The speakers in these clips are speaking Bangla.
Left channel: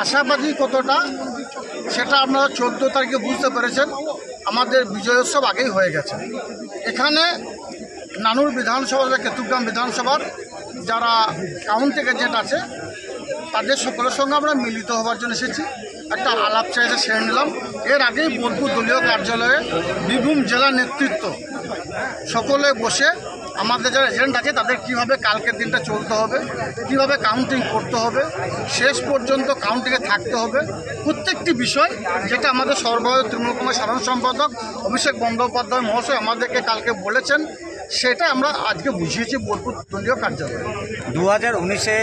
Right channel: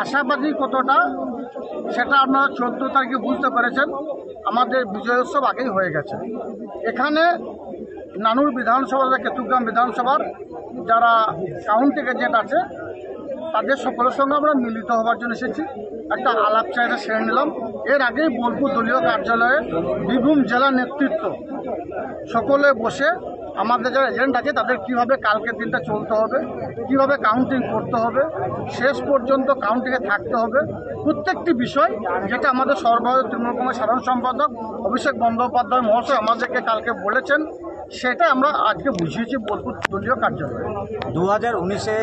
আশাবাদী কতটা সেটা আপনারা 14 তারিখে বুঝতে পেরেছেন। আমাদের বিজয়োৎসব আগেই হয়ে গেছে। এখানে নানুর বিধানসভা, কেতুগ্রাম বিধানসভার যারা কাউন্টিং এজেন্ট আছে তাদের সকলের সঙ্গে আমরা মিলিত হওয়ার জন্য এসেছি। একটা আলাপ চাইতে সেরে নিলাম। এর আগেই বোলপুর দলীয় কার্যালয়ে বীরভূম জেলা নেতৃত্ব সকলে বসে আমাদের যারা এজেন্ট আছে তাদের কীভাবে কালকের দিনটা চলতে হবে, কীভাবে কাউন্টিং করতে হবে, শেষ পর্যন্ত কাউন্টিংয়ে থাকতে হবে, প্রত্যেকটি বিষয় যেটা আমাদের সর্বভারতীয় তৃণমূল কংগ্রেস সাধারণ সম্পাদক অভিষেক বন্দ্যোপাধ্যায় মহাশয় আমাদেরকে কালকে বলেছেন, সেটা আমরা আজকে বুঝিয়েছি বোলপুর দলীয় কার্যালয়ে। 2019-এ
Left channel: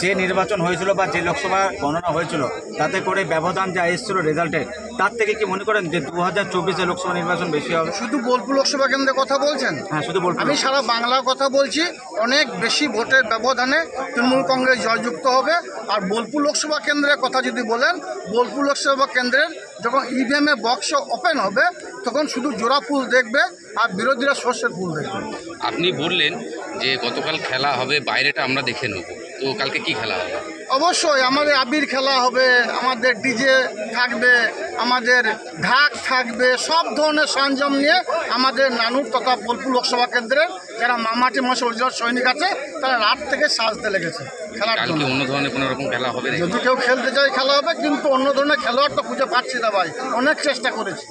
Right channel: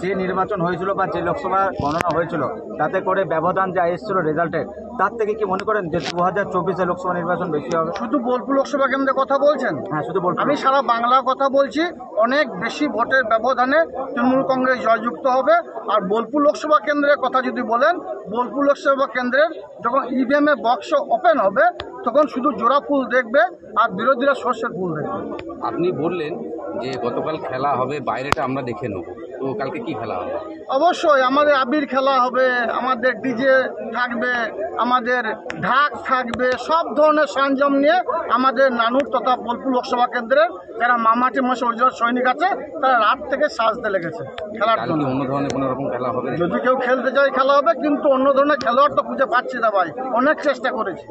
যে নির্বাচন হয়েছিল বা যে লোকসভা গণনা হয়েছিল তাতে করে ব্যবধান যা এসেছিল রেজাল্টের, তার থেকে কি মনে করেন যে 2024-এ লোকসভা নির্বাচন বেশি হবে? শুধু বোলপুর লোকসভা কেন্দ্রে কথা বলছেন? হ্যাঁ, শুধু বোলপুর। আমি সারা বাংলা কথা বলছি। অনেক বেশি ভোটের ব্যবধানে তৃণমূল কংগ্রেস জয়যুক্ত হবে। আর বোলপুর লোকসভা কেন্দ্রের কথা যদি বলেন, বোলপুর লোকসভা কেন্দ্রের যখন ইভিএমে বক্স ওপেন হবে তখন শুধু জোড়া ফুল দেখবে আর বিরোধীরা সর্ষের ফুল দেখবে। আপনি বললেন যে গতকাল খেলা হবে, বাইরেটা আমরা দেখে নেব, তো কালকে কি খেলা হবে? অবশ্যই আমাদের আবির খেলা হবে, আমাদের ডিজে থাকবে, আমাদের ঢাক থাকবে, সব ধরনের সরঞ্জাম নিয়ে আমাদের নানুর তথা বোলপুর লোকসভা কেন্দ্রের যারা মামাটি মাসে অরিজিনাল সৈনিক আছে তারা রাত থেকে সাজতে লেগেছে খেলার জন্য। অন্য ধরনের কোনো রকম খেলা হবে? যদি কেউ খেলতে চায় খেলা হবে, কিন্তু অন্য ধরনের খেলোয়াড় তো খুঁজে পাচ্ছি না ভাই, অনেক চেষ্টা করেছি।